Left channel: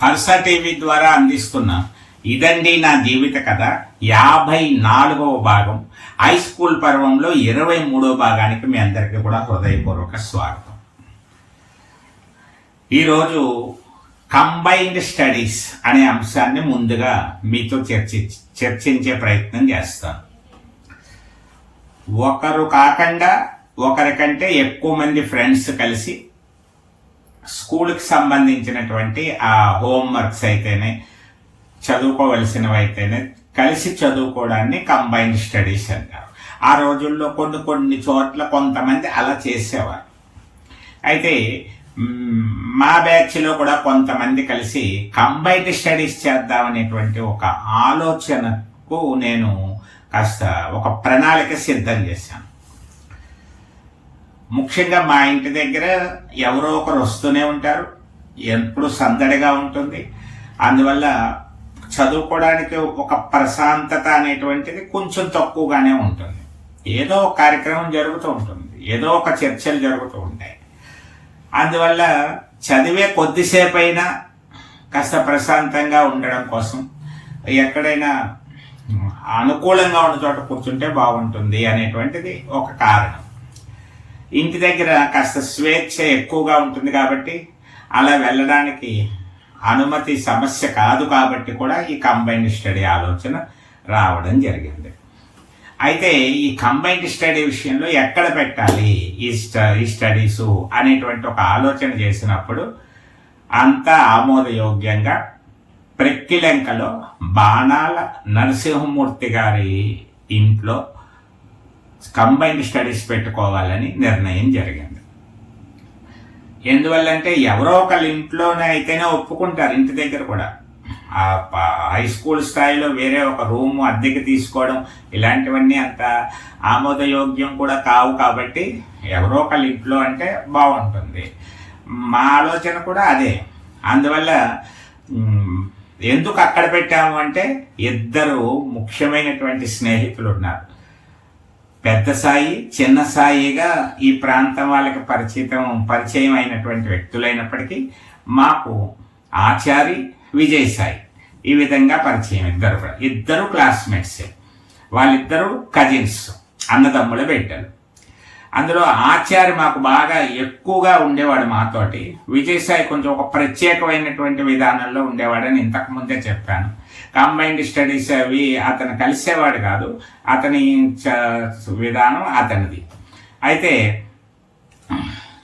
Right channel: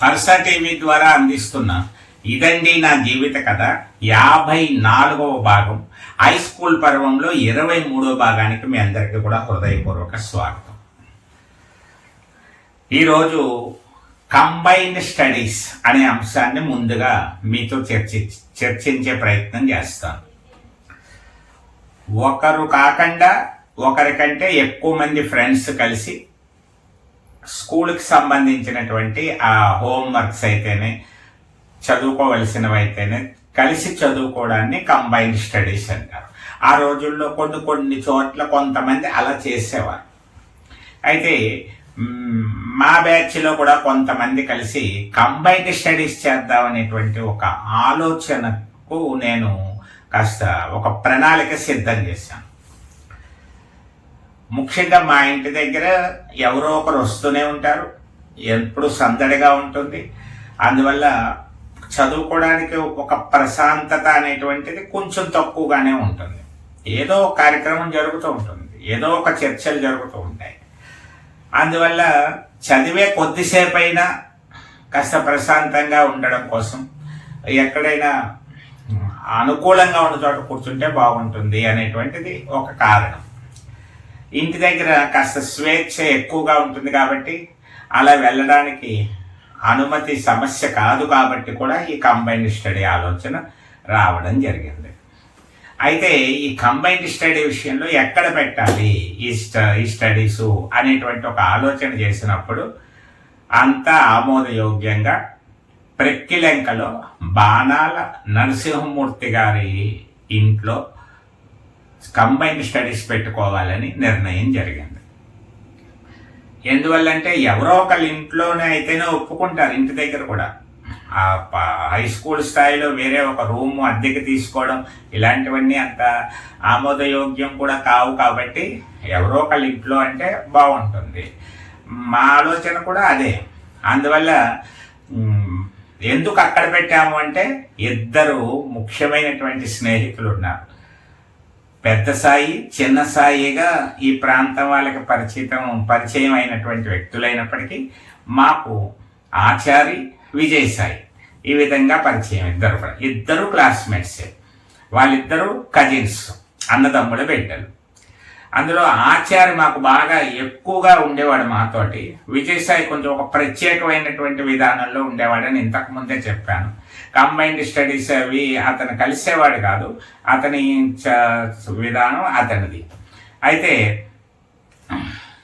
Harsha TV ద్వారా అందిస్తున్న ఇదండి నా జీవిత కథ యాభై నాలుగవ భాగం. హై స్కూల్ పర్వంలో ఇరవై మూడవ భాగానికి మీ అందరికీ కూడా హృదయపూర్వక స్వాగతం. ఈరోజు కంబైన్డ్ స్టడీస్ అనే అంశాన్ని ముందుగా మీతో చర్చి చర్చించే ప్రయత్నం చేస్తాను. ఒకరు కాకుండా ఒకరికంటే ఎక్కువ మంది ఫ్రెండ్స్ కలిసి స్కూల్కి సంబంధించినటువంటి ఆ హోంవర్క్స్ అయితేనే చదువుకోవలసినవైతేనే కలిసి చదువుకోవడాన్ని కంబైన్డ్ స్టడీస్ అంటారు. ఆ రోజుల్లో కొన్ని కొన్ని చోట్ల కొంతమంది అలా చేసేవారు. అయితే మా బ్యాచ్లో కూడా కొంతమంది కలిసి కంబైన్డ్ స్టడీస్ చేద్దామనేటువంటి ఒక ఆలోచనకు నేను కాస్త ఒక ప్రణాళిక సిద్ధం చేశాను. ముఖ్యంగా మా ఇంటి దగ్గర ఎవరో ఒకరు వస్తూనే ఉంటారు. ఎప్పుడు సందడిగా ఉంటుంది. అందువల్ల చదువుకోవడానికి ఒక ప్రశాంతత అనేటువంటిది కొంచెం తక్కువగానే ఉంటుంది. ఏదో కార్యక్రమం జరుగుతూ ఉంటుంది. ఏదో ఒక చర్చలు జరుగుతూ ఉంటాయి. అందువల్ల చదివే కొద్దిసేపు అయినా కాస్త ప్రశాంతంగా ఉండడం కోసం ఎక్కడైనా అనుకూలంగా ఉన్న చోట కూర్చుంటే బాగుంటుంది అనేటువంటిది ఒక కారణం. ఇంటి దగ్గర కాస్త స్వేచ్ఛ ఎక్కువగా ఉంటుంది కాబట్టి అలా వెళ్ళడానికి అనుమతి సమస్య కాదు కాబట్టి కూడా ఈ కంబైన్డ్ స్టడీ ఆలోచన రావడం జరిగింది. అయితే ఈ కంబైన్డ్ స్టడీ విషయంలో ఎక్కడ పెట్టాలి? ఈ ఈ స్టడీసు అనేటువంటి ఒక ఆలోచన చేసినప్పుడు అంతా ఆమోదయోగ్యంగా ప్రక్కిలంకలో బాణాల నరసింహమూర్తి గారి ఇంట్లో కంబైన్డ్ స్టడీస్ పెట్టుకోవాలని నిర్ణయం జరిగింది. ఎందువల్లంటే ఎవరో ఒకళ్ళ ఇంట్లోనే అయితేనే ఒప్పుకుంటారు ఇంటి దగ్గర కూడా. హై స్కూల్ స్థాయిలో వేరే ఒక రూమ్ అద్దెకి తీసుకోవడం ఇలాంటివన్నీ అంత ఆమోదయోగ్యం కూడా కావు కాబట్టి ఎవరో ఒకళ్ళ ఇంట్లో అంటే బాగుంటుంది. మా ఆలోచన కూడా అదే. అందువల్ల ఎందుకు అక్కడ పెట్టాము అంటే ఇద్దరు ముఖ్యమైనటువంటి స్నేహితులు ఉన్నారు. పెద్ద సాయి చిన్న సాయిగా ఈ ప్రాంతం వాళ్ళకి పరిచితం పరిచయం అయినటువంటి వ్యక్తులైనప్పటికీ మాకు ఆచారి విజయ్ సాయి. ఈ విధంగా పరిచయం ఇద్దరు కూడా. ఇద్దరు క్లాస్మేట్సే వాళ్ళిద్దరూ కజిన్స్ అన్నదమ్ముల బిడ్డలు. అందులో ఆచార్య మాకు బాగా ఎక్కువగా ఉండేవాడు మాతోటి. విజయసాయి కొంచెం ఒక ప్రత్యేకమైనటువంటి విధానంలో ఉండేవాడని ఇంతకు ముందే చెప్పాను. కంబైన్డ్ స్టడీస్ అవి అతను కలిసేవాడు కాదు. అతని విధానం అతనిది. అయితే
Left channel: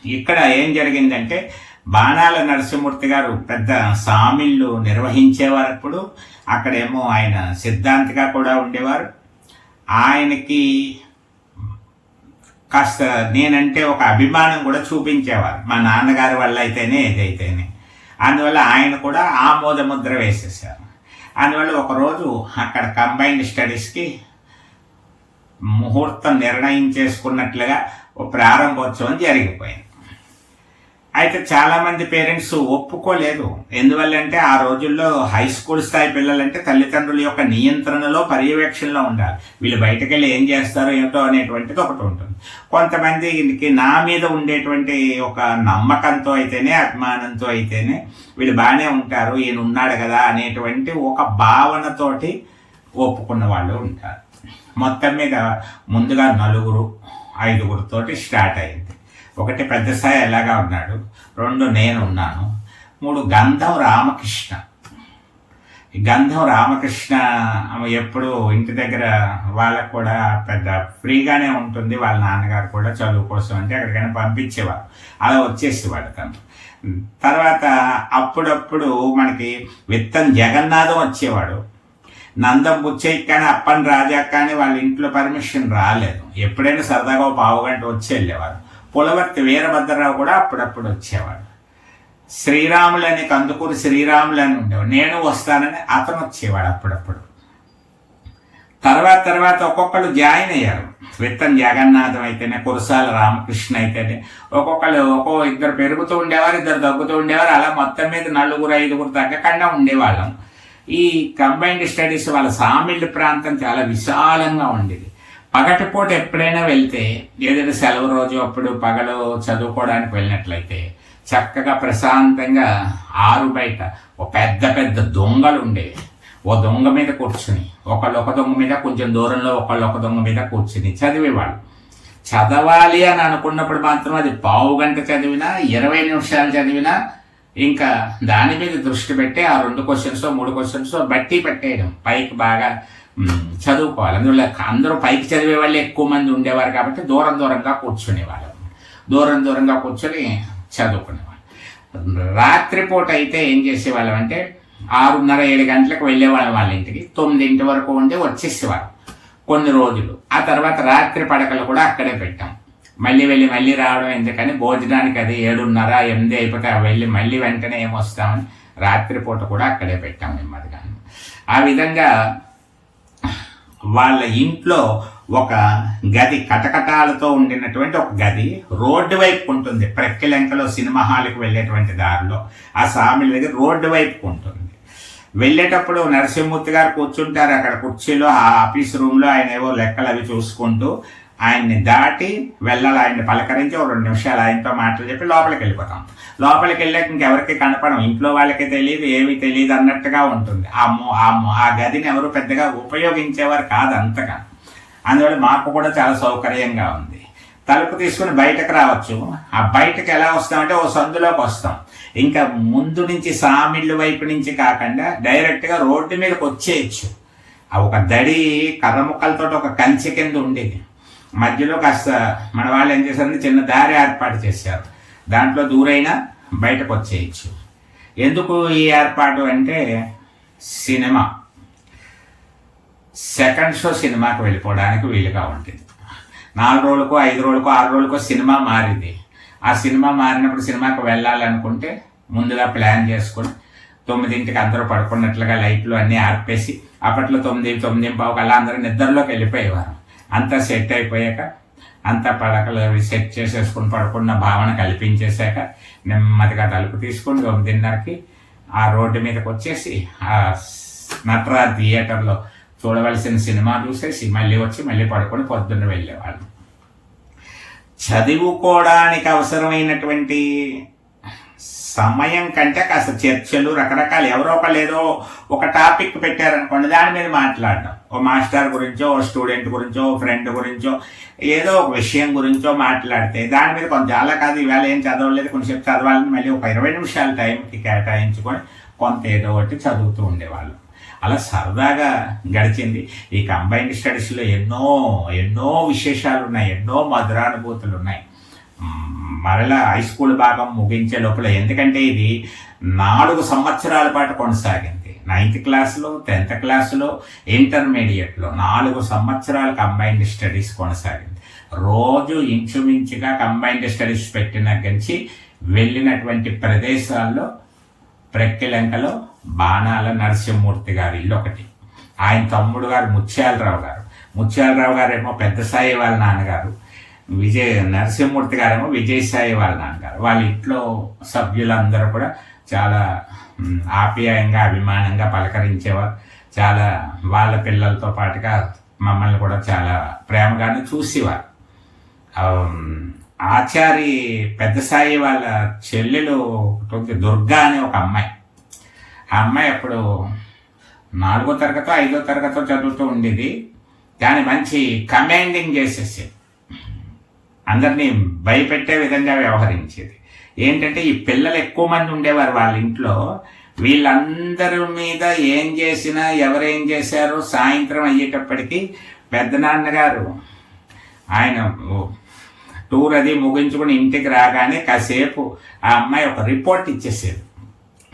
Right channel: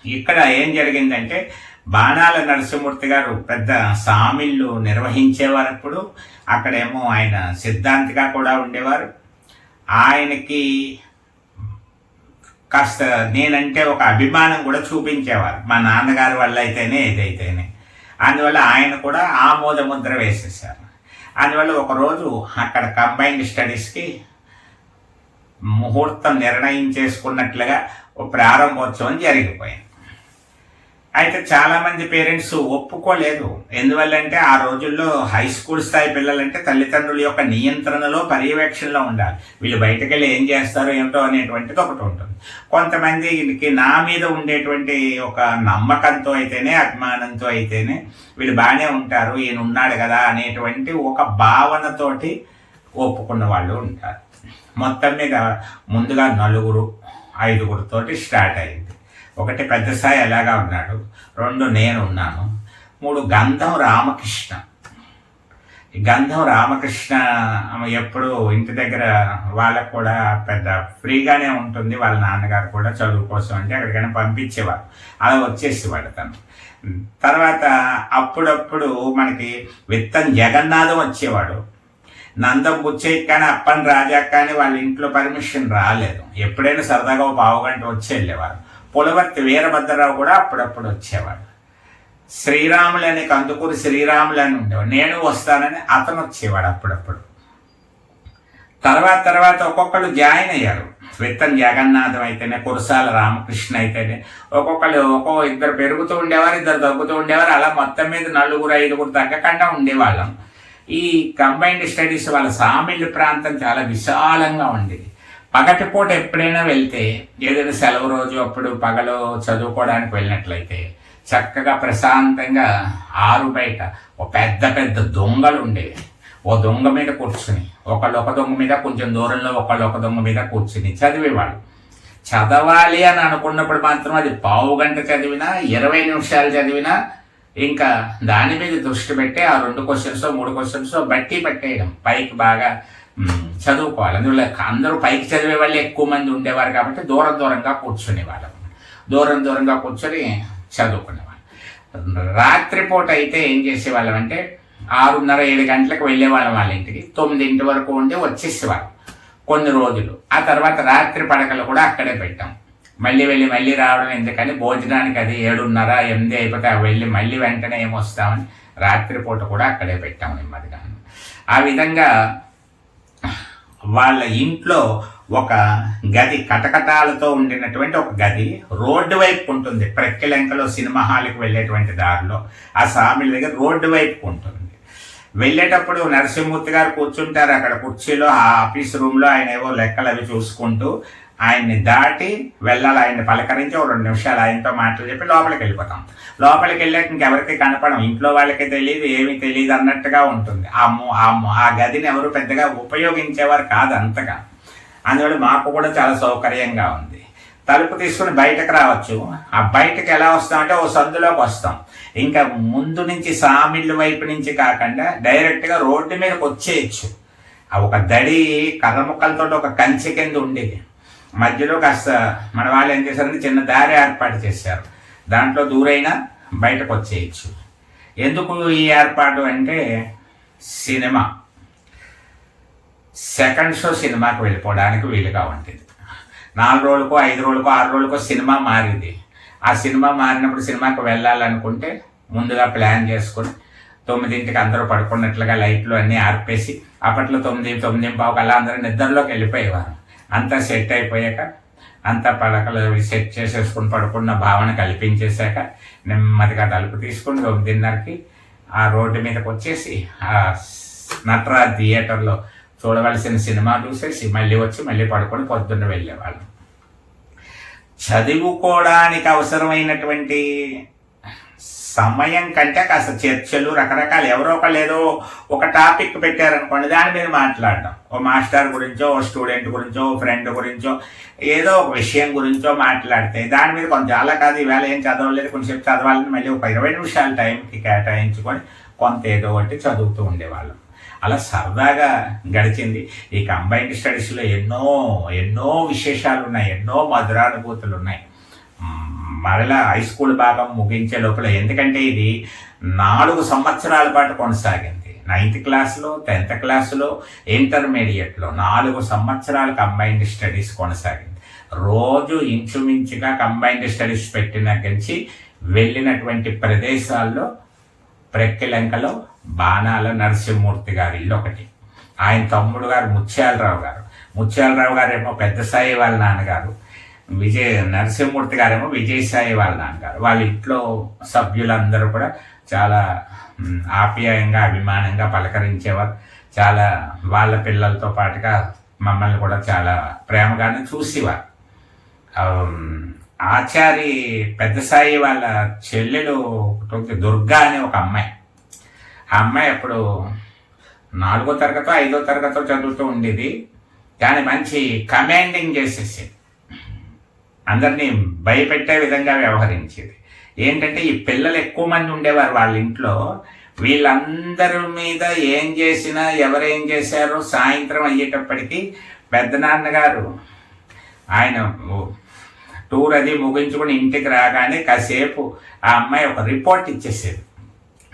ఇక్కడ ఏం జరిగిందంటే బాణాల నరసింహమూర్తి గారు పెద్ద సామిళ్ళు నిర్వహించేవారు అప్పుడు అక్కడేమో ఆయన సిద్ధాంతిగా కూడా ఉండేవారు. ఆయనకి కాస్త నేనంటే ఒక అభిమానం కూడా చూపించేవారు. మా నాన్నగారి వల్ల అయితేనే ఏదైతేనే అందువల్ల ఆయన కూడా ఆమోద ముద్ర వేసేసారు అందువల్ల ఒకరోజు అక్కడ కంబైన్డ్ స్టడీస్కి ముహూర్తం నిర్ణయం చేసుకున్నట్లుగా ప్రారంభోత్సవం జరిగిపోయింది. అయితే చాలామంది పేరెంట్స్ ఒప్పుకోలేదు. ఎందువల్లంటే ఆ రోజుల్లో హై స్కూల్ స్థాయి పిల్లలంటే తల్లిదండ్రుల యొక్క నియంత్రణలో పర్యవేక్షణలో ఉండాలి. వీళ్ళు బయటకు వెళ్ళి ఏం చేస్తారో ఏమిటో అనేటువంటిది ఒకటి ఉంటుంది. కొంతమందికి నా మీద ఉండేటువంటి ఒక నమ్మకంతో అయితేనే అభిమానంతో అయితేనే వీళ్ళు బాగానే ఉంటారు ఈయన ఉన్నాడు కదా అనేటువంటి ఒక భావనతోటి ఒప్పుకున్న వాళ్ళు ఉంటారు. మొత్తం మీద ముందుగా నలుగురు ఐదుగురితోటి స్టార్ట్ అయింది. ఒకటి పెద్ద స్థాయి ఎలాగా ఉన్నాడు రెండు నేను ఉన్నాను మూడు గంధం రామకృష్ణ. ఈ గంధం రామకృష్ణ ఆమె ఎప్పుడు ఇంటి దగ్గర వాళ్ళకు కూడా పెద్ద ఫ్రీగానే ఉంటుంది వాళ్ళ నాన్నగారు కూడా చదువు కోసం అంటే ఎక్కడికైనా పంపించేవారు. అలా వచ్చేసేవాడు తను. తర్వాత అప్పుడప్పుడు మనకి విత్తం జగన్నాథం వచ్చేవాడు. నందం బుచ్చయ్య కానీ అప్పని రాజా కానీ వాళ్ళ ఇంట్లో పర్మిషన్ రాలేదు. ఎప్పుడైనా సరదాగా ఒక పావు గంట వచ్చి వెళ్ళేవారు. పులవర్తి వీరభద్రరావు కూడా అప్పుడప్పుడు వచ్చేవాడు. శ్రీరాములని కందుకూరి శ్రీరాములు అని ఉండేవాడు. నేను వస్తానని అతను వచ్చేవాడు అప్పుడప్పుడు. తర్వాత తర్వాత ఒక్కొక్కరు జాయిన్ అయ్యారు. విత్తన్ జగన్నాథం అయితేనే కురసాల రామకృష్ణ అయితేనే ఒక్కొక్కరు ఒక్కో ఇద్దరు పెరుగుతూ ఉండేవారు ఇద్దరు తగ్గుతూ ఉండేవారు అలా మొత్తం మీద నలుగురు ఐదుగురు తగ్గకుండా ఉండేవాళ్ళం. ఈ కంబైన్డ్ స్టడీస్ వాళ్ళ సామిళ్ళు ప్రాంతం చాలా విశాలంగా ఉండేది. పగటిపూట ఎప్పుడైనా వెళ్తే ఏదైనా సెలవు రోజు అప్పుడు పగలు చదువుకోవడానికి వెళ్ళినట్లయితే చక్కగా ప్రశాంతంగా ఆరు బయట ఒక పెద్ద పెద్ద దొంగలు ఉండేవి ఓ దొంగ మీద కూర్చుని ఒకళ్ళు ఒక దొంగ మీద కొంచెం దూరంలో ఒకళ్ళు ఒక దొంగ మీద కూర్చుని చదివేవాళ్ళు. చదవాలి అని అనుకున్నప్పుడు మాత్రం అది పావు గంట చదివినా ఇరవై నిమిషాలు చదివినా ఇంకా దాని మీద దృష్టి పెట్టి ఆ రెండు క్వశ్చన్స్ మూడు క్వశ్చన్స్ బట్టి పెట్టేయడం. పైకి బాగా చదువుకోవాలి. అందువల్ల అందరూ పైకి చదివే వాళ్ళే ఎక్కువ మంది ఉండేవారు కాబట్టి దూరం దూరంగా కూర్చునేవాళ్ళం దూరం దూరంగా కూర్చొని చదువుకునేవాళ్ళం. రాత్రిపూట అయితే ఏం చేసేవాళ్ళం అంటే ఆరున్నర ఏడు గంటలకు వెళ్ళేవాళ్ళం వాళ్ళ ఇంటికి. తొమ్మిదింటి వరకు ఉండి వచ్చేసేవారు కొన్ని రోజులు. ఆ తర్వాత రాత్రి పడకలు కూడా అక్కడే పెట్టాం. మళ్ళీ వెళ్ళి మళ్ళీ రావడం ఎందుకని భోజనానికి అది ఏడున్నర ఎనిమిది అయిపోతే వెళ్ళి మళ్ళీ వెంటనే ఏమొస్తామని రాత్రిపూట కూడా అక్కడే పెట్టాం నెమ్మదిగా. ఆ విధంగా వాళ్ళ ఇంట్లో ఒక గది కటకటాలతో ఉండినటువంటి ఒక గది రోడ్డు వైపు ఉంటుంది. ప్రక్కిలంకలో సినిమా హాల్కి వెళ్ళేటువంటి దారిలో. ఆ సామిల దగ్గర రోడ్డు వైపు ఉంటుంది. వెళ్ళేటప్పుడు నరసింహమూర్తి గారు కూర్చుంటారు అక్కడ కుర్చీలో ఆ ఆఫీస్ రూమ్లో ఆయన ఏవో లెక్కలు అవి చూసుకుంటూ ఆయన్ని దాటి వెళ్ళాలి ఆయన్ని పలకరించి ఒక రెండు నిమిషాలు ఆయనతో మాటలు చెప్పి లోపలికి వెళ్ళిపోతాం. లోపలికి వెళ్ళాక ఇంకెవరికి కనపడం? ఇంట్లో వాళ్ళకి తెలియదు ఏమీ తెలియదు అన్నట్టుగా ఉంటుంది. ఆ ఆ ఆ గదిని ఎవరు పెద్దగా ఉపయోగించేవారు కాదు అంతగా. అందువల్ల మాకు కూడా చాలా సౌకర్యంగా ఉంది. తలుపు తీసుకుని బయటకు రావచ్చు. ఆ బయటకు ఎలా వస్తామంటే ఓ సందులోకి వస్తాం. ఇంకా ముందు నుంచి సామిళ్ళు వైపు నుంచి కాకుండా డైరెక్ట్గా రోడ్డు మీదకి వచ్చేయచ్చు. ఆ ఒక దడి కర్ర ముక్కలతో ఒక కంచె కింద ఉండేది. మధ్యలో కాస్త మన వాళ్ళు ఏం చేశారంటే చిన్న దారి ఏర్పాటు చేశారు. దాంట్లో దూరైనా బయటకు వచ్చేయచ్చు. ఎందుకు ఈ ఏర్పాటు అంటే సినిమా. సెకండ్ షో సినిమాకి వెళ్ళిపోవడానికి వీలుగా ఉంటుంది. నాలుగు రోజులకో ఐదు రోజులకో ఆరు రోజులకో సినిమా మారింది. ఆ సినిమా మారినప్పుడు సినిమాకి వెళ్ళాలనుకుంటే ముందుగా ప్లాన్ చేసుకొని తొమ్మిదింటికి అందరూ పడుకున్నట్లుగా లైట్లు అన్నీ ఆర్పేసి అప్పట్లో తొమ్మిది తొమ్మిది పావుకు అలా అందరూ నిద్రలోకి వెళ్ళిపోయేవారు. అంతా సెట్ అయిపోయాక అంతా పడకలు అవి సెట్ చేసేసుకుని పడుకున్న భావన కల్పించేశాక నెమ్మదిగా తలుపు తీసుకుని తొమ్మిదిన్నరకి ఆ రోడ్డు మీదకి వచ్చేసి ఆ నట్రా థియేటర్లో చూడవలసిన సినిమా చూసేసి మళ్ళీ వచ్చి మళ్ళీ పడుకొని పొద్దున్న వెళ్ళేవాళ్ళు. చదువుకోవడానికి అవసరమైనటువంటి సమయం కంటే కాస్త చర్చలు రకరకాలు. ఎవరో ఒకళ్ళు ఏదో ఒక టాపిక్ పెట్టారనుకోండి దాని మీద మాట్లాడడం. ఓ మాస్టర్ గురించో ఓ స్టూడెంట్ గురించో ఓ ఫ్రెండ్ గురించో ఏదో ఒక విషయం గురించో మాట్లాడితే దాని మీద కొంచెం చాలా కాదు ఈవేళ ఏం చదవలేదు కొంచెం చదవాలని మళ్ళీ ఒక ఇరవై నిమిషాల టైంకి కేటాయించుకొని కొంత ఏదో ఒకటి చదువుతూ ఉండేవాళ్ళం. అలా సరదాగా గడిచింది. ఈ కంబైన్డ్ స్టడీస్లో ఎన్నో ఎన్నో విశేషాలు ఉన్నాయి ఎన్నో మధురానుభూతులు ఉన్నాయి మరల హై స్కూల్ భాగం ముగించే లోపల ఎందుకంటే ఇది నాలుగు సంవత్సరాల పాటు కొనసాగింది. నైన్త్ క్లాస్లో టెన్త్ క్లాస్లో ఇంటర్మీడియట్లో నాలుగు సంవత్సరాల కంబైన్డ్ స్టడీస్ కొనసాగింది. రోజు ఇంచుమించుగా కంబైన్డ్ స్టడీస్ పెట్టిన గంచి వెళ్ళినటువంటి ప్రదేశాల్లో ప్రక్కిలంకలో బాణాల నరసింహమూర్తి గారి ఇల్లు ఒకటి. ఆయన తమ్ముడు గారు ముత్యాలరావు గారు. ముత్యాలరావు గారు ఏమో పెద్ద సాయి వాళ్ళ నాన్నగారు. విజయ నరసింహమూర్తి గారేమో విజయసాయి వాళ్ళ నాన్నగారు. వాళ్ళ ఇంట్లో సభ్యులందరూ కూడా చాలా ఆప్యాయంగా అభిమానంగా పలకరించేవారు. చాలా వాళ్ళ పిల్లలతో పాటుగా మమ్మల్ని కూడా చాలా ప్రేమగానే చూసేవారు. ఆచారి పెద్ద సాయి వాళ్ళ చెల్లెలు ఒకటి దుర్గా అనే ఒక అమ్మాయి. ఆ అమ్మాయి అప్పుడు నాలుగో తరగతో ఐదో తరగతో చదువుతూ ఉండేది. దాన్ని మంచి కమాండింగ్ చేసేసి అందరినీ భయపెట్టే విధంగా వ్యవహరించేది. ఏంటంటే ఈ పిల్లలు ఎక్కువ మంది ఉండేవారు వాళ్ళ ఇంట్లో. వీళ్ళందరి మీద ఏం చేసినా ఎవరేం చేశారు సాయంత్రం అయ్యేటప్పటికీ పెద్దనాన్నగారు ఆయన టూర్ అది ముగించుకుని ఇంటికి రాగానే కాసేపు ఆ అమ్మాయి ఒక రిపోర్ట్ ఇచ్చేసేది.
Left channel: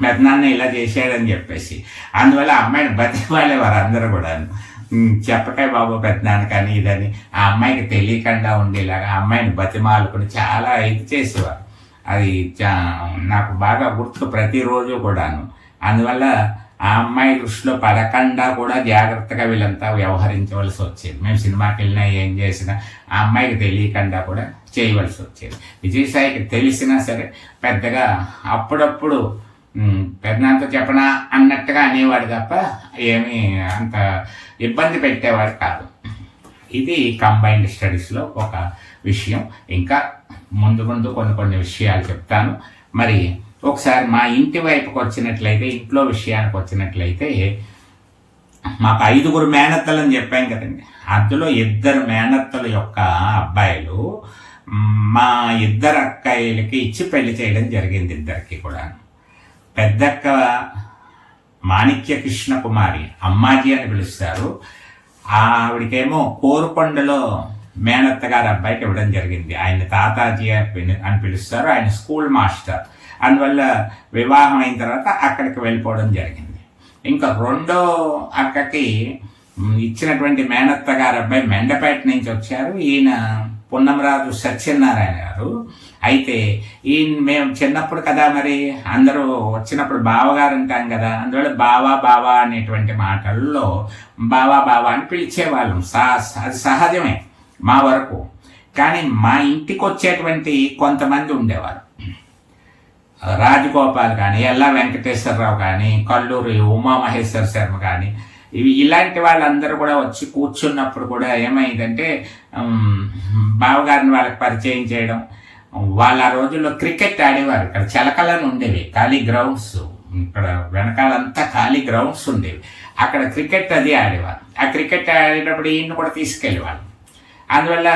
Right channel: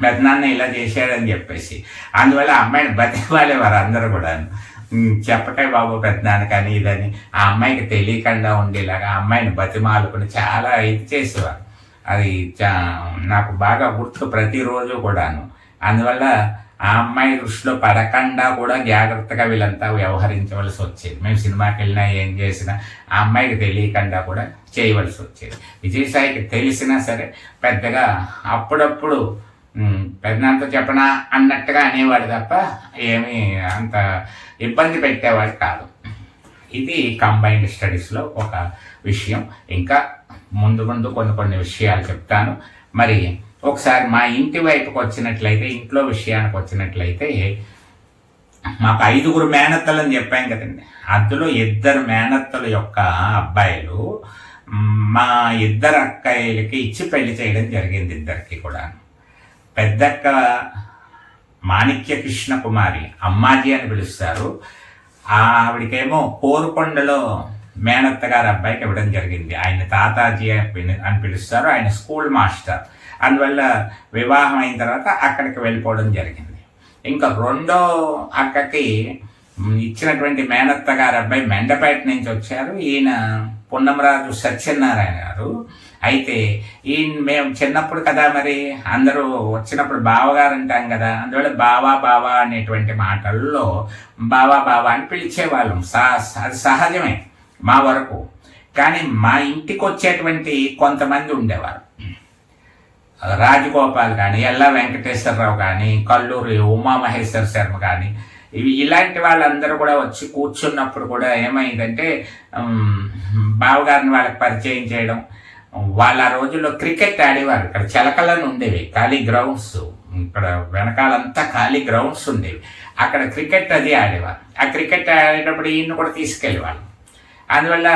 పెద్దనాన్న ఇలా చేశాడని చెప్పేసి. అందువల్ల అమ్మాయిని బతికి బతిమాలేవారు అందరూ కూడా చెప్పకాయ బాబు పెద్దనాన్న కానీ ఇదని ఆ అమ్మాయికి తెలియకుండా ఉండేలాగా ఆ అమ్మాయిని బతిమాలుకుని చాలా ఇది చేసేవారు. అది చా నాకు బాగా గుర్తు ప్రతిరోజు కూడాను. అందువల్ల ఆ అమ్మాయి దృష్టిలో పడకుండా కూడా జాగ్రత్తగా వీళ్ళంతా వ్యవహరించవలసి వచ్చేది. మేము సినిమాకి వెళ్ళినా ఏం చేసినా ఆ అమ్మాయికి తెలియకుండా కూడా చేయవలసి వచ్చేది. విజయసాయికి తెలిసినా సరే పెద్దగా అప్పుడప్పుడు ఉమ్, చెప్పనా అన్నట్టుగా అనేవాడు తప్ప ఏమీ అంత ఇబ్బంది పెట్టేవాడు కాదు. ఇది కంబైన్డ్ స్టడీస్లో ఒక విషయం. ఇంకా ముందు ముందు కొన్ని కొన్ని విషయాలు చెప్తాను. మరి ఒకసారి మా ఇంటి వైపుకి వచ్చినట్లయితే ఇంట్లో విషయానికి వచ్చినట్లయితే మాకు ఐదుగురు మేనత్తలు అని చెప్పాం కదండి. అందులో ఇద్దరు మేనత్తల యొక్క అబ్బాయిలు మా ఇద్దరు అక్కయ్యలకి ఇచ్చి పెళ్ళి చేయడం జరిగింది ఇద్దరికి కూడా పెద్దక్క మాణిక్య కృష్ణ కుమారి అమ్మాజీ అని పిలుస్తారు. ఆవిడకేమో కోరుకొండలో మేనత్త గారి అబ్బాయికి ఇవ్వడం జరిగింది. ఆయన తాతాజీ అని అని పిలుస్తారు. ఆయన స్కూల్ మాస్టర్. అందువల్ల వివాహం అయిన తర్వాత అక్కడికి వెళ్ళిపోవడం జరిగింది. ఇంకా రెండో అక్కకి ఇచ్చినటువంటి మేనత్త గారి అబ్బాయి మెండపేట నుంచి వచ్చారు. ఈయన పున్నమరాజు సత్యనారాయణ గారు. అయితే ఈ మేము చిన్నప్పుడు కదా మరి అందరూ వచ్చినప్పుడు బావగారు అంటాం కదా అందువల్ల బావా బావా అనేటువంటి మాటల్లో బావా బావా అని పిలిచేవాళ్ళం. సా అది సహజమే మా వరకు. కానీ మా ఇంటికి వచ్చేటువంటి కొంతమంది ఉండేవారు. రాజగోపాల్ కానీ ఎల్లా వెంకటేశ్వరరావు కానీ కల్లూరి ఉమామహేశ్వర శర్మ కానీ ఇవి ఇలాంటి వాళ్ళందరూ కూడా వచ్చి కూర్చున్నప్పుడు కూడా ఏమైందంటే బావగారిని వాళ్ళకి పరిచయం చేయడం వాళ్ళ రోజుల్లో క్రికెట్ ఆడేవారు. ఇక్కడ చిలకలను ఉండేవి ఖాళీ గ్రౌండ్స్. ఇక్కడ వెనకాలంతా ఖాళీ గ్రౌండ్స్ ఉండేవి. అక్కడ క్రికెట్ అది ఆడేవారు. ఆ క్రికెట్ ఆడేటప్పుడు ఈయన్ని కూడా తీసుకెళ్ళేవాళ్ళు. అందువల్ల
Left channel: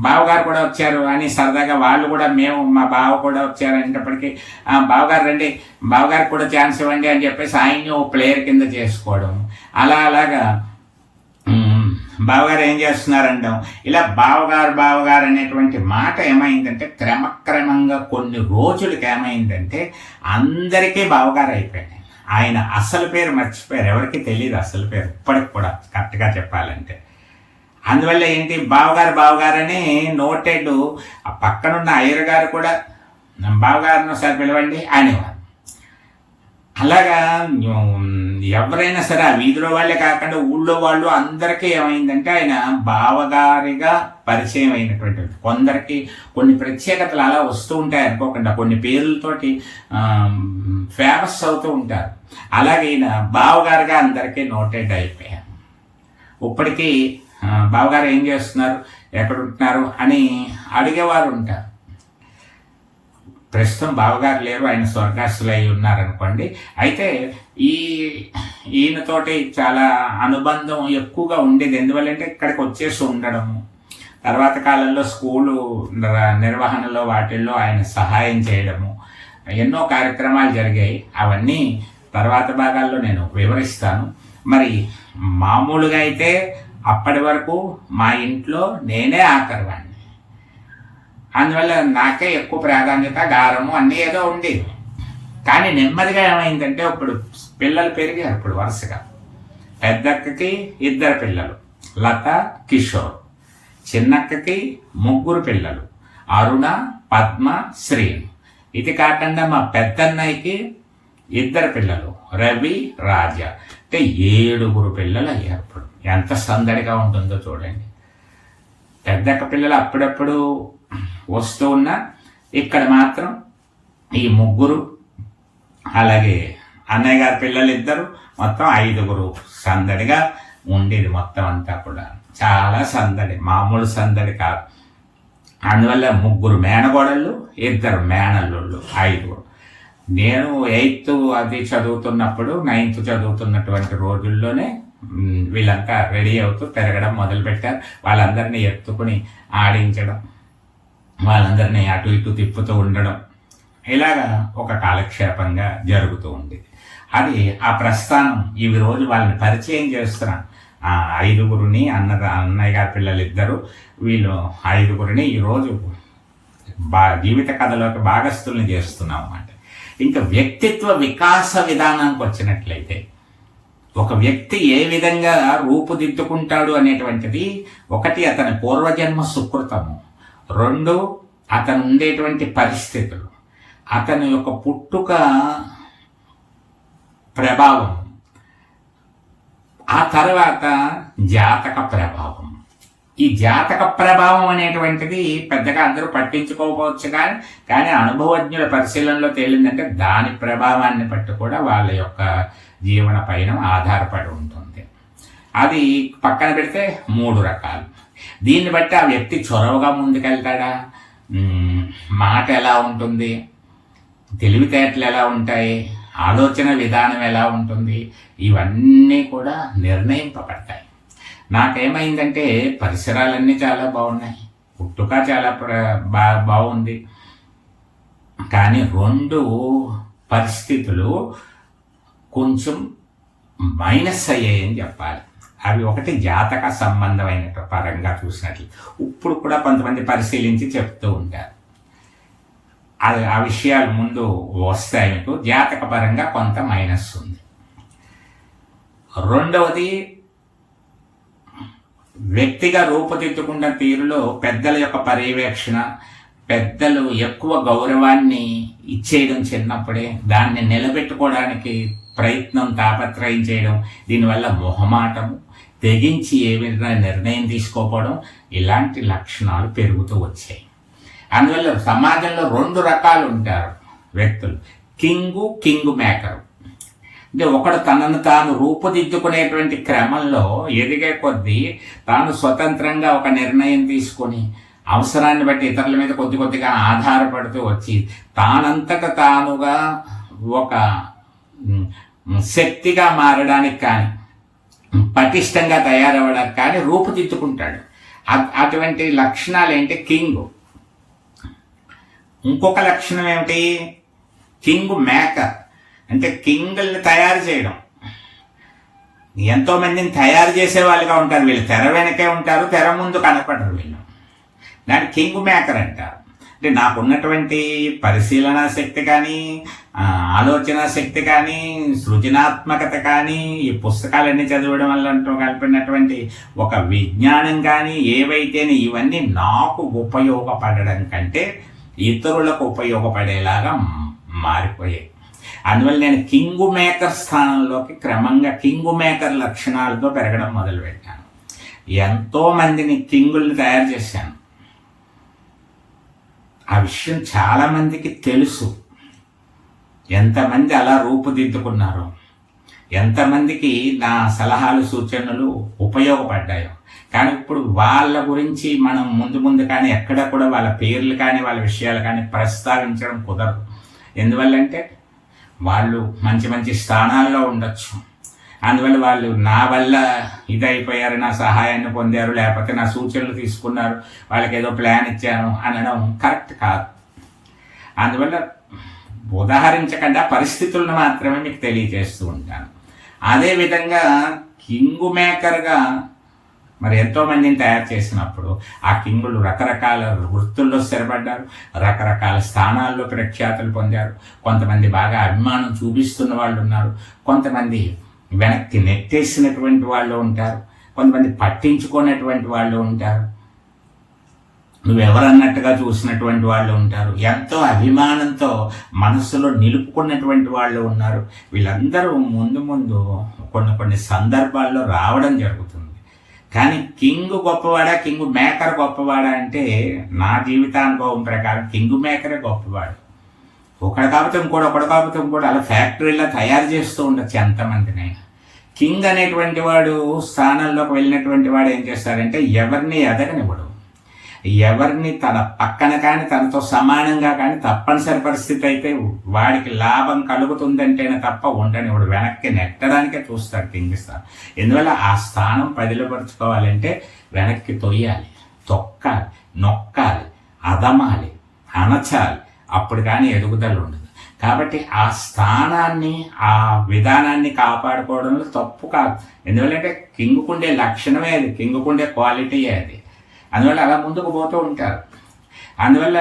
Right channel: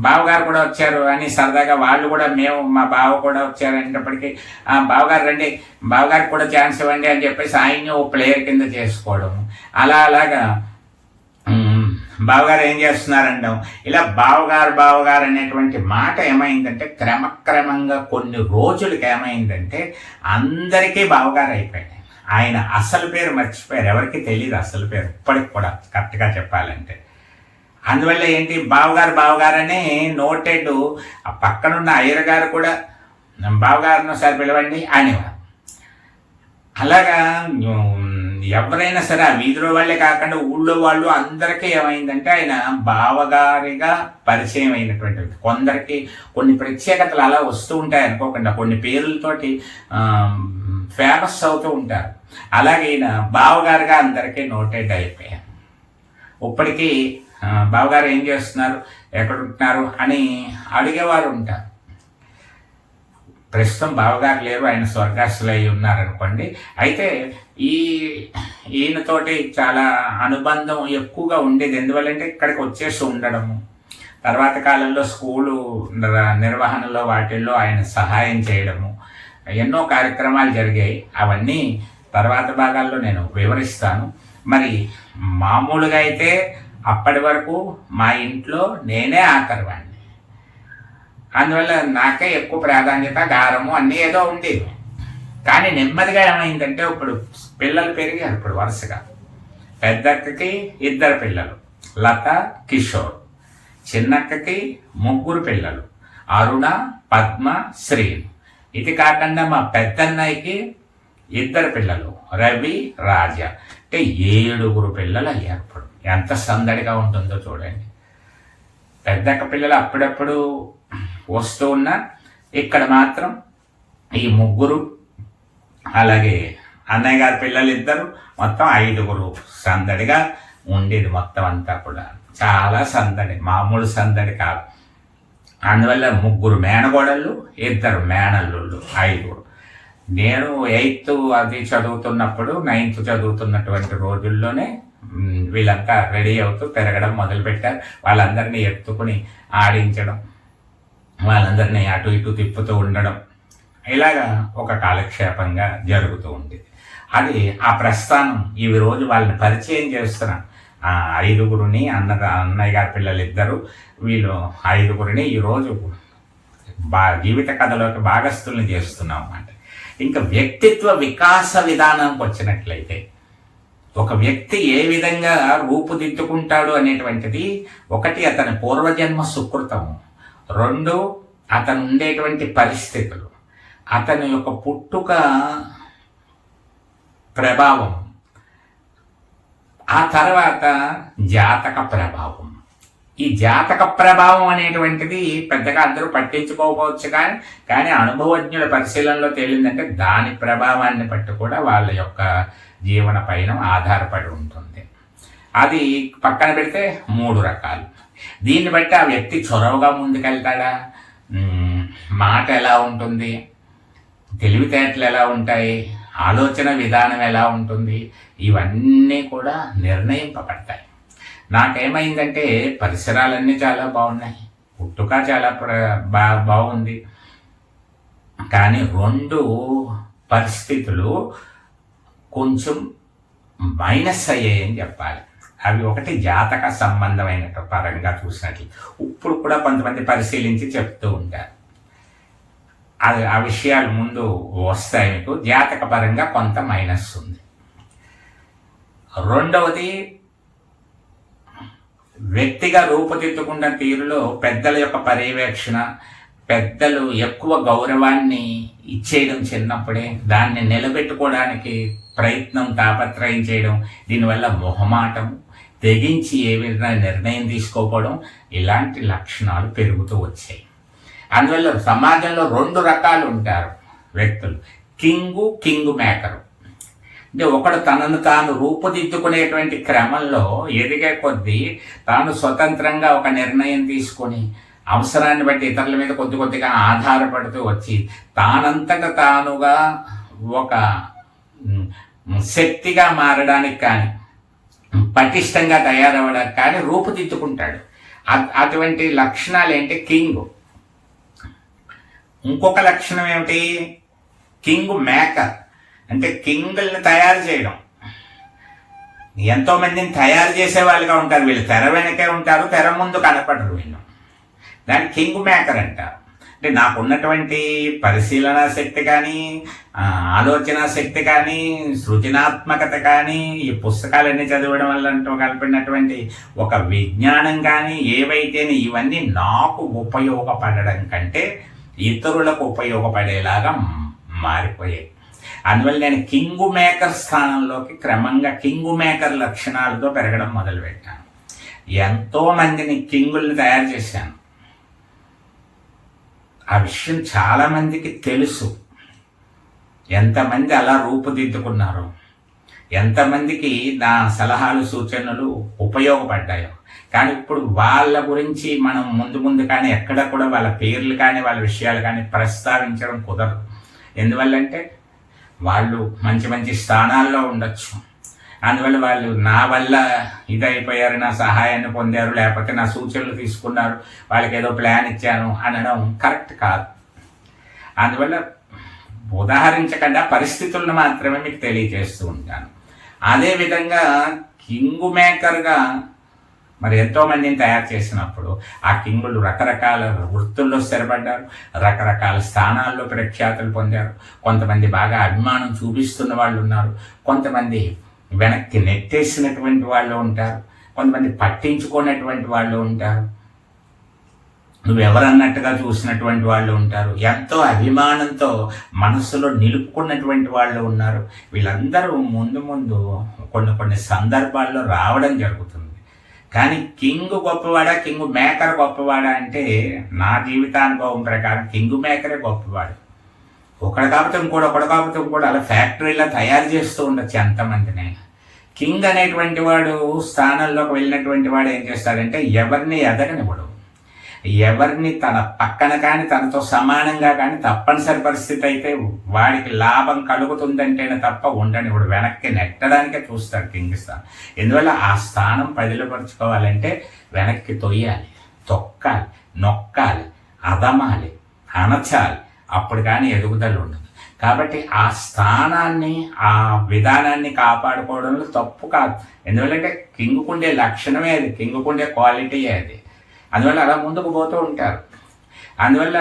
బావగారు కూడా వచ్చారు అని సరదాగా వాళ్ళు కూడా మేము మా బావ కూడా వచ్చారు అనేటప్పటికీ "ఆ, బావగారు రండి బావగారికి కూడా ఛాన్స్ ఇవ్వండి అని చెప్పేసి ఆయన్ని ఓ ప్లేయర్ కింద చేసుకోవడం. అలా అలాగా బావగారు ఏం చేస్తున్నారంటాం? ఇలా బావగారు బావగారు అనేటువంటి మాట ఏమైందంటే క్రమక్రమంగా కొన్ని రోజులకి ఏమైందంటే అందరికీ బావగారు అయిపోయాయి ఆయన అసలు పేరు మర్చిపోయారు. ఎవరికి తెలియదు అసలు పేరు. ఇప్పటికి కూడా కరెక్ట్గా చెప్పాలంటే. అందువల్ల ఏంటి? బావగారు బావగారని నోటెడ్ ఆ పక్కనున్న అయ్యర్ గారు కూడా బావగారిని ఒకసారి పిలవండి అనేవారు. అలాగా ఎవరైనా సరే ఆ వీధిలో వాళ్ళే కాకుండా ఊళ్ళో వాళ్ళు అందరికీ ఏమైందంటే ఆయన బావగారిగా పరిచయం అయినటువంటి వ్యక్తి. కొందరికి కొన్ని ప్రత్యేకతలు అలా వస్తూ ఉంటాయి అనుకోకుండా కొన్ని పేర్లతోటి ఫేమస్ అవుతూ ఉంటారు. అలాగే ఈయన బావగారిగా అందరికీ నోటెడ్ అయిపోయారు. ఇప్పటికీ బావగారు ఏం చేస్తున్నారు? ఎక్కడ ఉంటున్నారు? అని అడిగేవారు ఉంటారు ప్రస్తుతం బావగారు లేరు ఆయన స్వర్గస్థులు అయి ఉన్నారనుకోండి. అయితే ఈ ఈయనతోటి చాలా అనుబంధం ఎక్కువగా ఉండేది. ఎందువల్లంటే ఇక్కడికి వచ్చేసి ఉండడము. తర్వాత కాలంలో స్కూలు నిర్వహణలో వాటిల్లో ఆయన సహాయం చేయడము. ఎన్నో కార్యక్రమాలు జరిగాయి. అవన్నీ తర్వాత భాగాల్లో నేను వివరిస్తాను. మరి మామూలుగా అయితే అప్పటి వరకు మా ఇంట్లో నేనే ఆఖరివాడిని. అందువల్ల నాకే ఎక్కువ ప్రాధాన్యత గారము అన్నీ ఏదో ఉండేవి. కానీ నెమ్మదిగా ఏమైందంటే ఇప్పుడు పిల్లలు పెరిగారు ఇప్పుడు వరుసగా. పెద్దక్కకి ఇద్దరు పిల్లలు లత కిషోర్. చిన్నక్కకి ముగ్గురు పిల్లలు అరుణ పద్మ శ్రీ ఇది కాకుండా మా పెద్దన్నయ్యకి ఇద్దరు పిల్లలు రవి రాజా. అంటే ఏడుగురు పిల్లలు అయ్యారు ఇప్పుడు. ఎంత సందడిగా ఉంటుందో చూడండి. పెద్దక్క పిల్లలు అప్పుడప్పుడు వస్తూ ఉన్నా ఇక్కడ మాత్రం ఈ ముగ్గురు అలాగే అన్నయ్య గారి పిల్లలు ఇద్దరు మొత్తం ఐదుగురు సందడిగా ఉండేది మొత్తం అంతా కూడా. చాలా సందడి మామూలు సందడి కాదు. అందువల్ల ముగ్గురు మేనగోడళ్ళు ఇద్దరు మేనల్లుళ్ళు ఐదుగురు. నేను ఎయిత్ అది చదువుతున్నప్పుడు నైన్త్ చదువుతున్నటువంటి రోజుల్లోనే వీళ్ళంతా రెడీ అవుతూ పెరగడం మొదలుపెట్టారు. వాళ్ళందరినీ ఎత్తుకుని ఆడించడం వాళ్ళందరినీ అటు ఇటు తిప్పుతూ ఉండడం ఇలాగా ఒక కాలక్షేపంగా జరుగుతూ ఉండేది అది ఆ ప్రస్థానం ఇవి రోజు వాళ్ళని పరిచయం చేస్తున్నాను. ఆ ఐదుగురిని అన్న అన్నయ్య గారి పిల్లలు ఇద్దరు వీళ్ళు ఐదుగురిని ఈరోజు బా జీవిత కథలోకి భాగస్థుల్ని చేస్తున్నాం అన్నమాట. ఇంకా వ్యక్తిత్వ వికాస విధానానికి వచ్చినట్లయితే ఒక వ్యక్తి ఏ విధంగా రూపుదిద్దుకుంటాడు అనేటువంటిది ఒకటి అతని పూర్వజన్మ సుకృతము. రెండు అతను ఉండేటువంటి పరిస్థితులు. అతని యొక్క పుట్టుక ప్రభావం. ఆ తర్వాత జాతక ప్రభావం. ఈ జాతక ప్రభావం అనేటువంటిది పెద్దగా అందరూ పట్టించుకోకపోవచ్చు కానీ కానీ అనుభవజ్ఞుల పరిశీలనలో తేలిందంటే దాని ప్రభావాన్ని బట్టి కూడా వాళ్ళ యొక్క జీవన పైన ఆధారపడి ఉంటుంది. అది పక్కన పెడితే మూడు రకాలు. దీన్ని బట్టి ఆ వ్యక్తి చొరవగా ముందుకెళ్తాడా? మాట ఎలా ఉంటుంది? తెలివితేటలు ఎలా ఉంటాయి? ఆలోచన విధానం ఎలా ఉంటుంది? ఇవన్నీ కూడా నిర్ణయింపబడతాయి. నాకేమైందంటే పరిసరాలన్నీ చాలా బాగున్నాయి. పుట్టుక చాలా ప్ర బా బాగుంది. కానీ రెండు పరిస్థితులు కొంచెం మైనస్ అయ్యాయని చెప్పాలి. అవి ఒకటి జాతక సంబంధమైన పరంగా చూసినట్లు. ఇప్పుడు కూడా కొంతమంది పరిశీలించి చెప్తూ ఉంటారు. అది ఆ విషయాలు ముందు వస్తాయి మీకు. జాతక పరంగా కొంత మైనస్ ఉంది. రెండవది వ్యక్తిగా రూపుదిద్దుకున్న తీరులో పెద్దల యొక్క పర్యవేక్షణ పెద్దలు ఎక్కువ గౌరవాన్ని ఇచ్చేయడం చిన్నప్పుడే దాన్ని నిలబెట్టుకోవడానికి ప్రయత్నం తాపత్రయం చేయడం దీనివల్ల మొహమాటం తెగించి ఏ విధంగా నిర్ణయం తీసుకోకపోవడం ఇలాంటి లక్షణాలు పెరుగుతూ వచ్చాయి. అందువల్ల సమాజంలో రెండు రకాలు ఉంటారు వ్యక్తులు. King king maker. అంటే ఒకడు తనను తాను రూపుదిద్దుకునేటువంటి క్రమంలో ఎదిగే కొద్దీ తాను స్వతంత్రంగా ఒక నిర్ణయం తీసుకొని అవసరాన్ని బట్టి ఇతరుల మీద కొద్ది కొద్దిగా ఆధారపడుతూ వచ్చి తానంతట తానుగా ఒక శక్తిగా మారడానికి కానీ పటిష్టంగా తయారవ్వడానికి కానీ రూపుదిద్దుకుంటాడు. అటువంటి లక్షణాలు ఏంటి? కింగ్. ఇంకొక లక్షణం ఏమిటి? King maker. అంటే కింగుల్ని తయారు చేయడం. ఎంతోమందిని తయారు చేసే వాళ్ళుగా ఉంటారు వీళ్ళు. తెర వెనకే ఉంటారు తెర ముందు కనపడరు వీళ్ళు. దాన్ని కింగ్ మేకర్ అంటారు. అంటే నాకున్నటువంటి పరిశీలన శక్తి కానీ ఆలోచన శక్తి కానీ సృజనాత్మకత కానీ ఈ పుస్తకాలన్నీ చదవడం వల్ల కలిపినటువంటి ఒక విజ్ఞానం కానీ ఏవైతేనే ఇవన్నీ నాకు ఉపయోగపడడం కంటే ఇతరులకు ఉపయోగపడేలాగా మారిపోయాయి. అందువల్ల నేను కింగ్ మేకర్ స్థానంలోకి క్రమంగా కింగ్ మేకర్ లక్షణాలతో పెరగడం మొదలుపెట్టాను. ఎంతోమందిని కింగుల్ని తయారు చేశాను. ఆ విషయం చాలా మందికి తెలుసు. ఎంతమంది అలా రూపుదిద్దుకున్నారో ఎంతమందికి నా సలహాలు సూచనలు ఉపయోగపడ్డాయో. కానీ ఇప్పుడు వాళ్ళ గురించి మనం ముందు ముందు కానీ ఎక్కడ కూడా వాళ్ళ పేర్లు కానీ వాళ్ళ విషయాలు కానీ ప్రస్తావించడం కుదరదు. ఎందువల్లంటే వాళ్ళు మంచి మంచి స్థానాల్లో ఉండొచ్చు. అందువల్ల వాళ్ళు నా వల్ల ఇదైపోయారు నా సహాయాన్ని పొందారు లేకపోతే నా సూచనలు తీసుకున్నారు వాళ్ళకి ఏదో ప్లాన్ ఇచ్చాను అనడం కరెక్ట్ కాదు. అందువల్ల ఉదాహరించకుండా పరిస్థితులను మాత్రమే మీకు తెలియజేస్తూ ఉంటాను. అదేవిధంగా కింగు మేకర్గా మరి ఎంతోమందిని తయారు చేసినప్పుడు ఆ కింగులు రకరకాల వృత్తుల్లో స్థిరపడ్డారు రకరకాల స్థానాల్లో ప్రఖ్యాతులు పొందారు. కొంతమంది బాగా అభిమానం చూపిస్తున్న వాళ్ళు ఉన్నారు కొంతమంది వెనక్కి నెట్టేసినటువంటి వాళ్ళు ఉంటారు. కొంతమంది పట్టించుకున్నటువంటి వాళ్ళు ఉంటారు. నువ్వెవరన్నట్టుగా చూసినటువంటి వాళ్ళు ఉంటారు. ఎంతో అభిమానంతో మనసులో నిలుపుకున్నటువంటి వాళ్ళు ఉన్నారు. వీళ్ళందరూ ముందు ముందు కొన్ని కొన్ని సందర్భాల్లో రావడం జరుగుతుంది. కానీ కింగ్ గొప్పవాడా కింగ్ మేకర్ గొప్పవాడా అంటే నా జీవితానుభవం ప్రకారం కింగ్ మేకరే గొప్పవాడు. ఒకడు కాకపోతే ఇంకోటి ఒకడు కాకపోతే ఇంకోటి అలా ఫ్యాక్టరీలో తయారు చేస్తూ ఉండొచ్చు ఎంతమందిని కింగ్ అనేటువంటి వాడు స్థానంలోకి వెళ్ళినటువంటి వాడు ఏం చేస్తాడంటే ఎవరిని ఎదగనివ్వడు. ఎవరిని తన పక్కన కానీ తనతో సమానంగా కానీ తప్పనిసరి పరిస్థితి అయితే వాడికి లాభం కలుగుతుందంటేనే తప్ప ఉండనివ్వడు. వెనక్కి నెట్టడానికే చూస్తాడు కింగ్ స్థానం. ఎందువల్ల? ఆ స్థానం పదిలపరుచుకోవాలంటే వెనక్కి తొయ్యాలి తొక్కాలి నొక్కాలి అదమాలి అణచాలి అప్పుడు కానీ ఎదుగుదల ఉండదు. కాబట్టి ఆ స్థానాన్ని ఆ విధానాన్ని కాపాడుకోవడంలో తప్పు కాదు. ఎందువల్లంటే కింగుకుండే లక్షణమే అది కింగుకుండే క్వాలిటీ అది. అందువల్ల అలా ముందుకు పోతూ ఉంటారు. అందువల్ల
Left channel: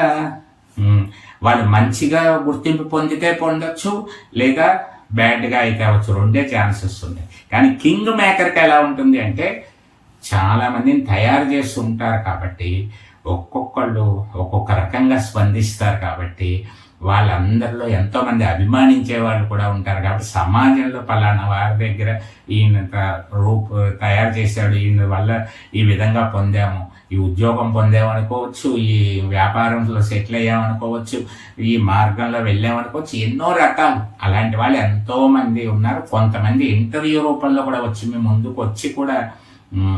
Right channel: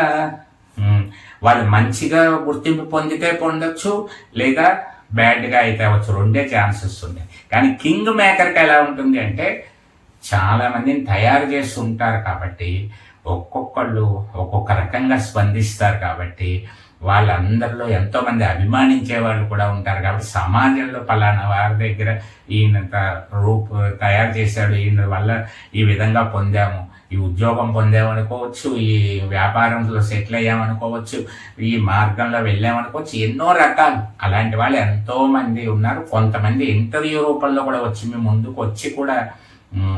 వాళ్ళు మంచిగా గుర్తింపు పొందితే పొందొచ్చు లేదా బ్యాడ్గా అయితే అవ్వచ్చు. రెండే ఛాన్సెస్ ఉన్నాయి. కానీ కింగ్ మేకర్కి ఎలా ఉంటుంది అంటే చాలామందిని తయారు చేస్తూ ఉంటారు కాబట్టి ఒక్కొక్కళ్ళు ఒక్కొక్క రకంగా స్పందిస్తారు కాబట్టి వాళ్ళందరిలో ఎంతోమంది అభిమానించే వాళ్ళు కూడా ఉంటారు కాబట్టి సమాజంలో పలానా వారి దగ్గర ఈయనంత రూపు తయారు చేశాడు ఈయన వల్ల ఈ విధంగా పొందాము ఈ ఉద్యోగం పొందామనుకోవచ్చు ఈ వ్యాపారంలో సెటిల్ అయ్యామనుకోవచ్చు ఈ మార్గంలో వెళ్ళామనుకోవచ్చు ఎన్నో రకాలు. అలాంటి వాళ్ళు ఎంతోమంది ఉన్నారు. కొంతమంది ఇంటర్వ్యూ రూపంలో కూడా వచ్చి మీ ముందుకు వచ్చి కూడా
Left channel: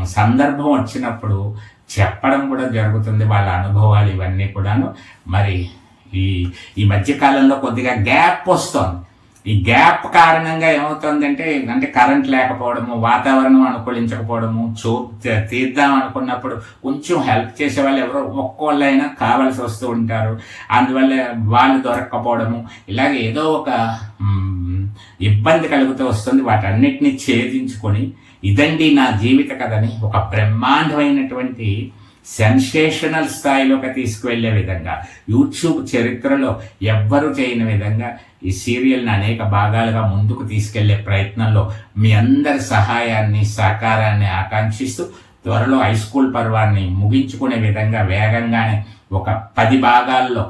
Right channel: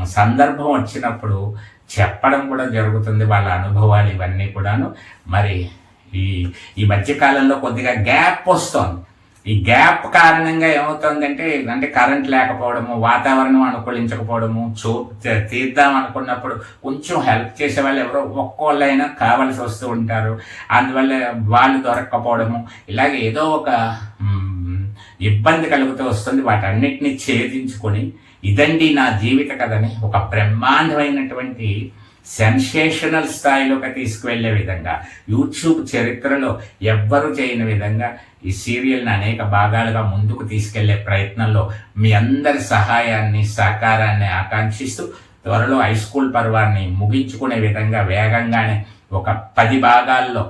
సందర్భం వచ్చినప్పుడు చెప్పడం కూడా జరుగుతుంది. వాళ్ళ అనుభవాలు ఇవన్నీ కూడాను. మరి ఈ ఈ మధ్యకాలంలో కొద్దిగా గ్యాప్ వస్తుంది. ఈ గ్యాప్ కారణంగా ఏమవుతుందంటే అంటే కరెంట్ లేకపోవడము వాతావరణం అనుకూలించకపోవడము చూ తీ- తీద్దాం అనుకున్నప్పుడు కొంచెం హెల్ప్ చేసే వాళ్ళు ఎవరో ఒక్కోళ్ళైనా కావలసి వస్తూ ఉంటారు. అందువల్ల వాళ్ళు దొరక్కపోవడము ఇలాగే ఏదో ఒక ఇబ్బంది కలుగుతూ వస్తుంది. వాటన్నిటిని ఛేదించుకొని ఇదండి నా జీవిత కథని ఒక బ్రహ్మాండమైనటువంటి సెన్సేషనల్ స్థాయిలోకి తీసుకువెళ్ళే విధంగా యూట్యూబ్ చరిత్రలో ఎవ్వరు చేయని విధంగా ఈ సీరియల్ని అనేక భాగాలుగా ముందుకు తీసుకెళ్ళే ప్రయత్నంలో మీ అందరి సహాయాన్ని సహకారాన్ని ఆకాంక్షిస్తూ త్వరలో హై స్కూల్ పర్వాన్ని ముగించుకునే విధంగా వేగంగానే ఒక పది భాగాల్లో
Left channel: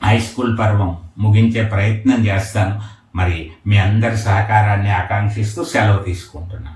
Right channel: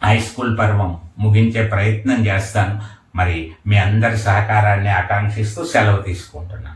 హై స్కూల్ పర్వం ముగించే ప్రయత్నం చేస్తాను. మరి మీ అందరి సహకారాన్ని ఆకాంక్షిస్తూ సెలవు తీసుకుంటున్నాను.